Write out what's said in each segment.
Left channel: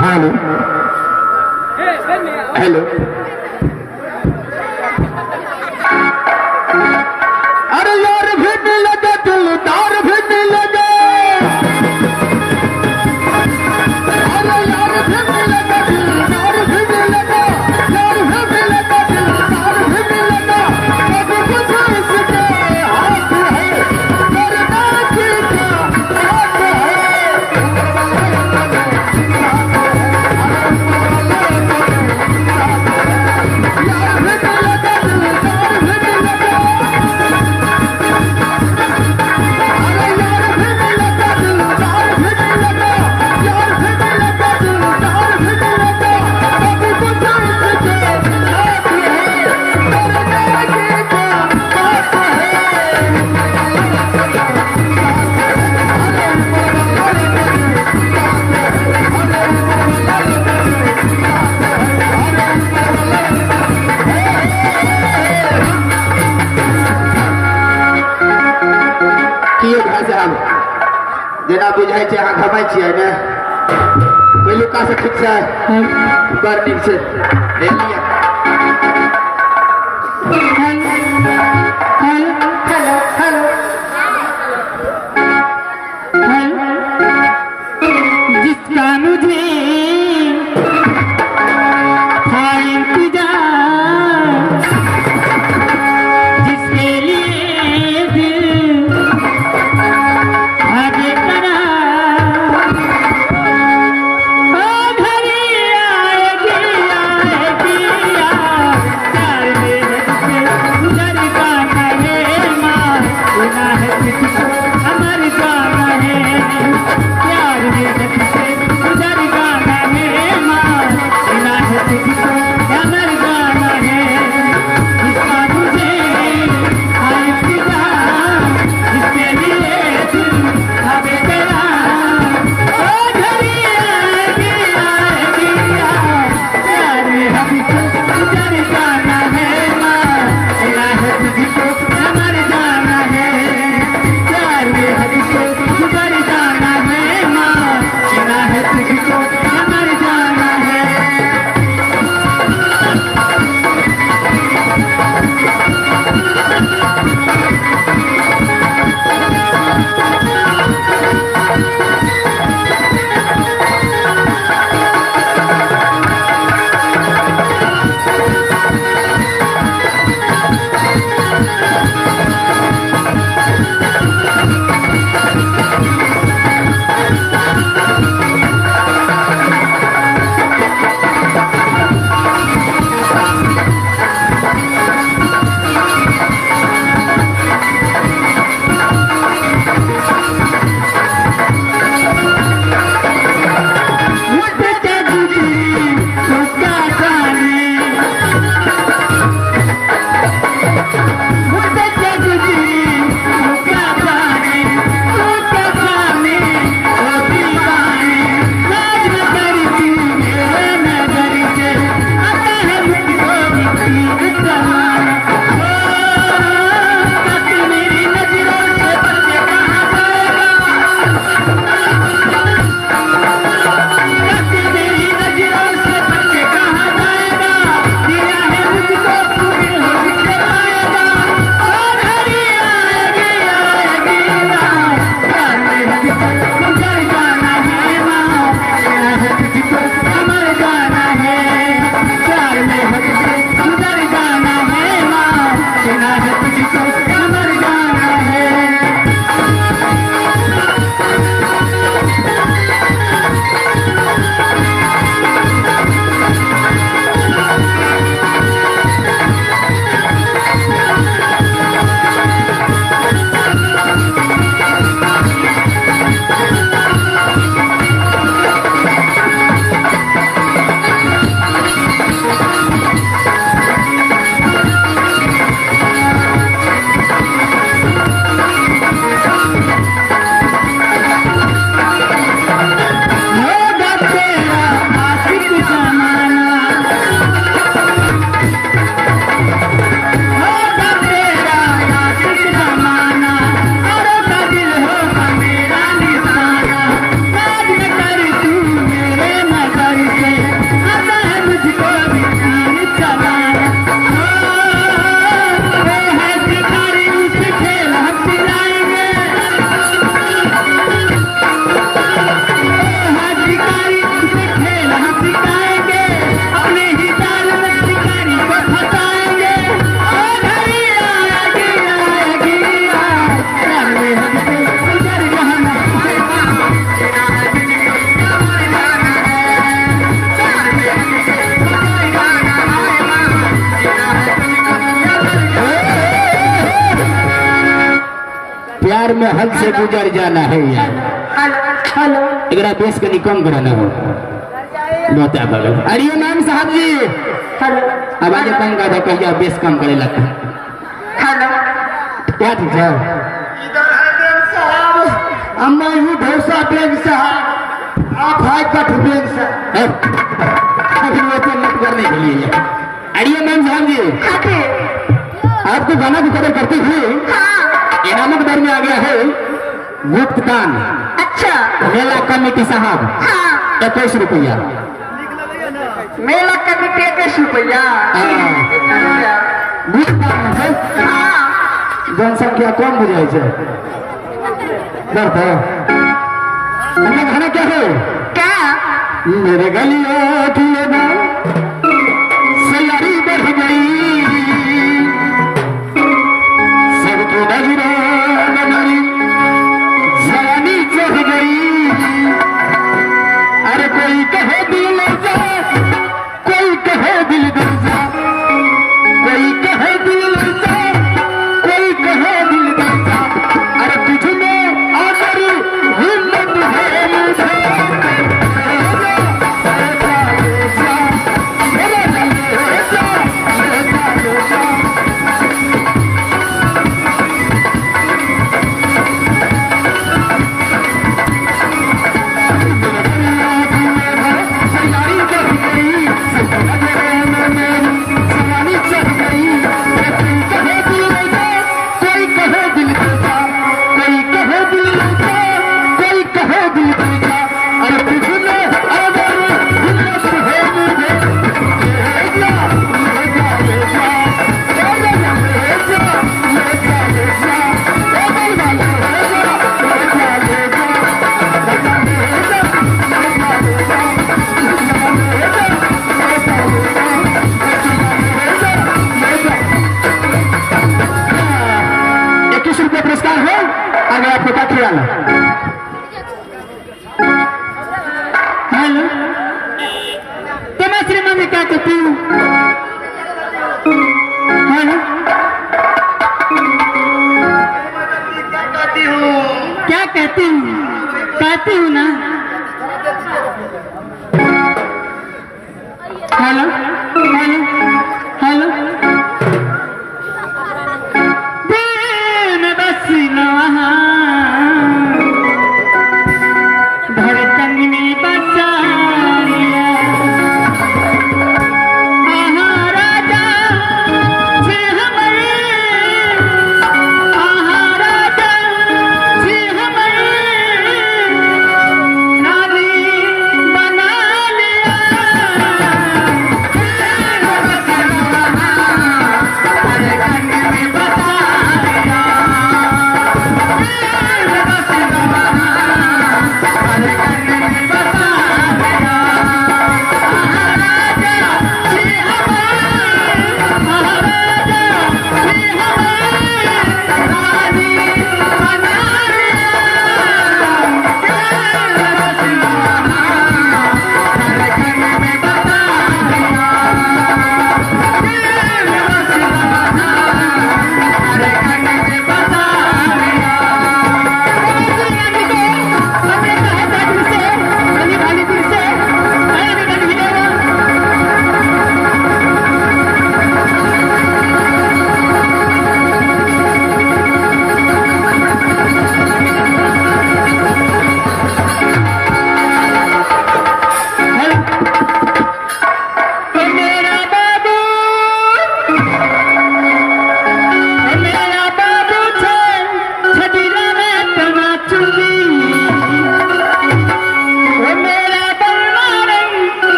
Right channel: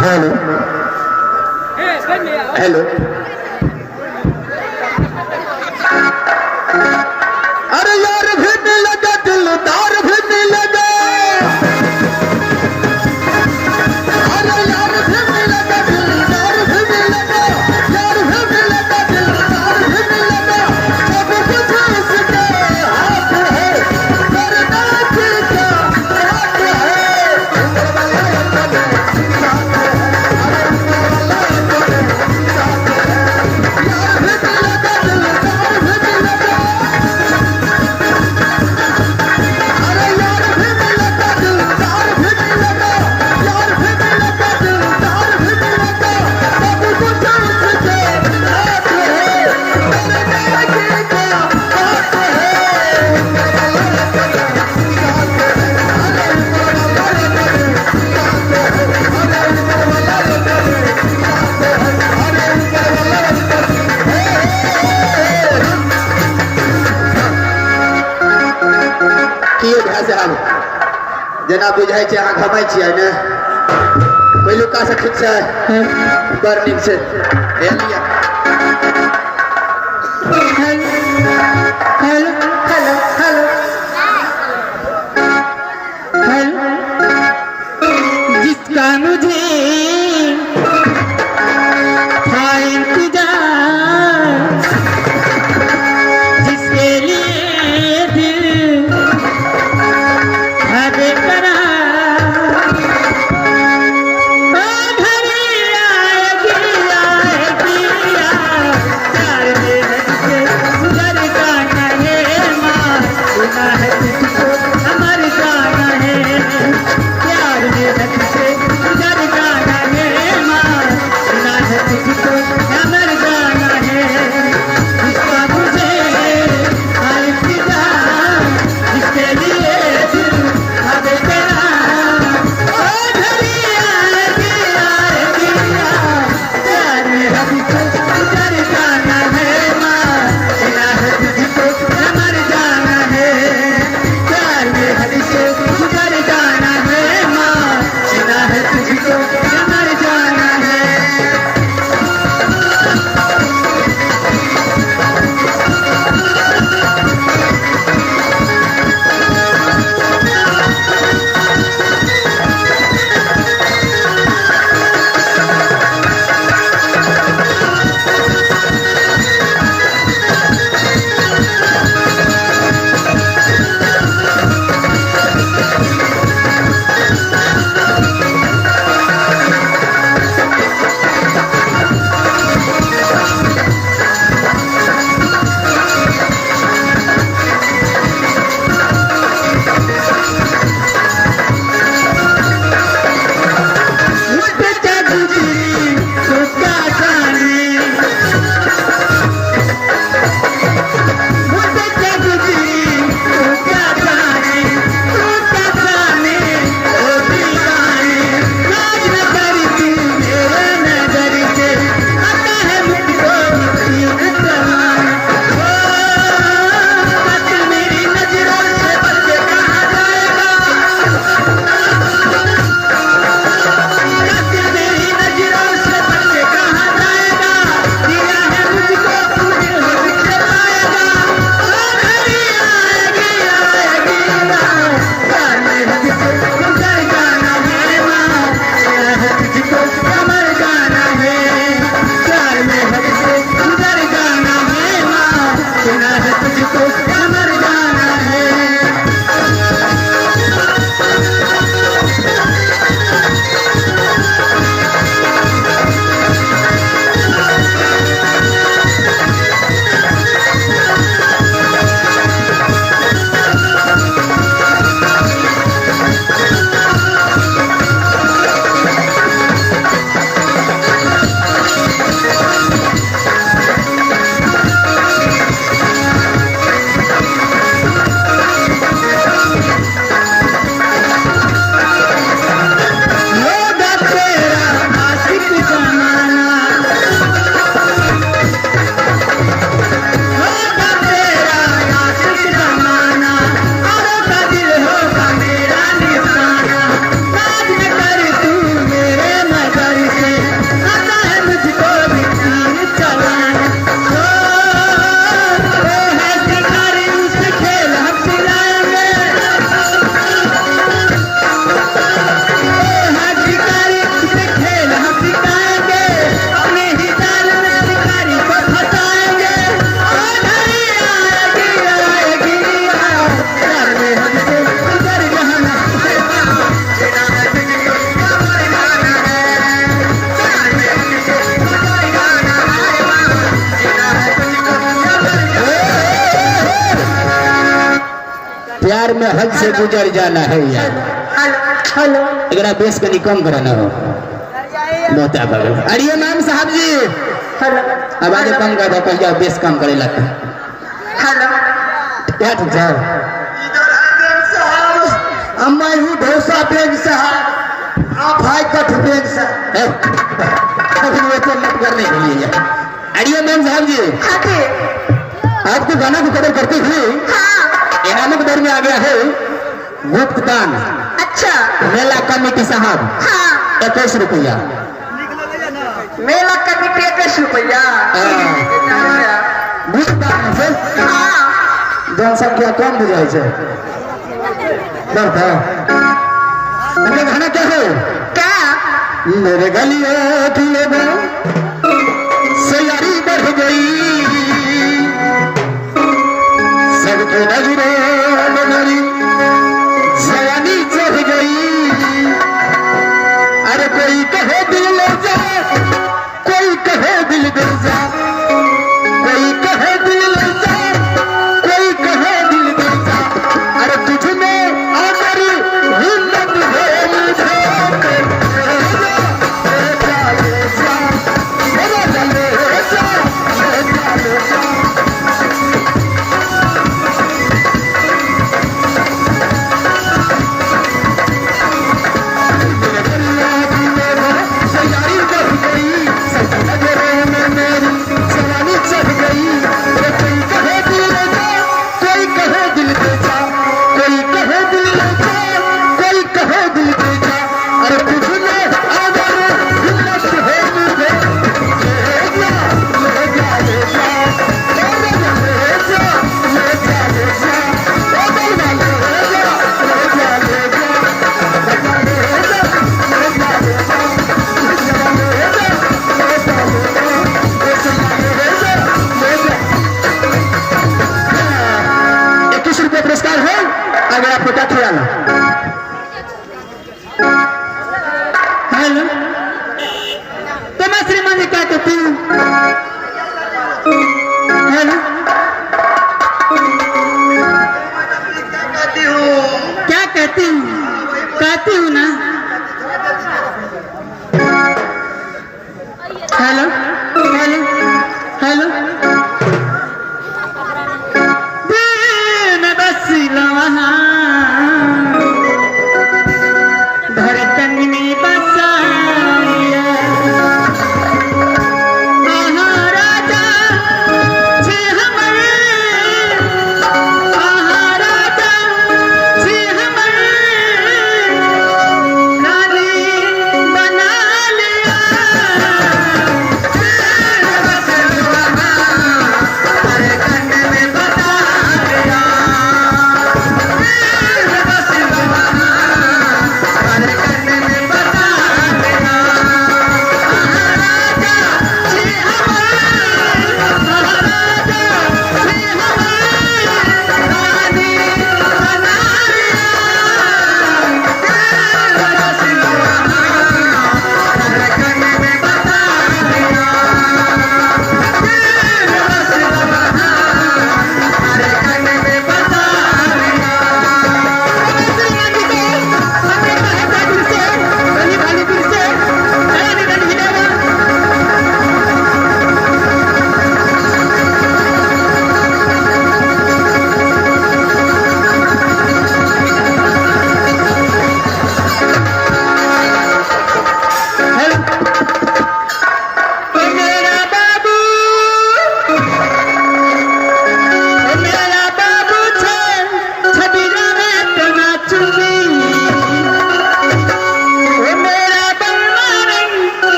Hello hello अरे यार भी मिलेगा दिलदार भी मिलेगा अरे यार भी मिलेगा दिलदार भी मिलेगा यार भी मिलेगा दिलदार भी मिलेगा सब कुछ उसके हाथ है मेरे नाची का हाथ है जेना बुझाई छै अहाँ घमै छियै ने पहिलुका से ठीक छै बड़ नीक छै एलिया जिसका मुझे था इंतजार जिसके लिए दिल हमारे जाना है प्यार में से गुजर में हद से गुजर जाना है यार। हेलो एकरा बेस के निकम कराना हो बहुत है बोलो। अरे मैम साहब जी आवाज कम कर दो कहिया बेस कम करे लगता क्या ठीक है। अम्मा ही ढोसा बेग साहब आप हाई कट बेग साहब मत करने के लिए यार। अरे मैम साहब जी आपको गाना की कदर करती थी इनामक दर में आ गया है गुप्त दान। अच्छा मेला कमेटी साहब 21 रुपया। मेला कमेटी 21 रुपया गुप्त दान है जनसंख्या कम बुझाई है बढ़ता मतलब गाना क्या है क्या मेरे गलिया की लगा सयारी बढ़ गई सबको नजरों में मेरी जवानी चढ़ गई। अरे कोई कहे दिल ले जा कोई कहे दिल दे जा कोई कहे दिल ले जा कोई कहे दिल दे जा। अरे तुझ में अमर हिम्मत है मुझे हेलो तो मैं श्रीमान जी क्या कहती हूँ। हेलो क्या कहती हूँ ना। हेलो हेलो हेलो दिन बसना धड़कन में बसाया आहा राजा जी हमारे आहा राजा जी हमारे रानी बना लिया।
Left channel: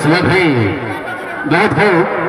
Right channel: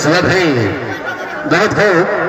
इस वक्त है बहुत खूब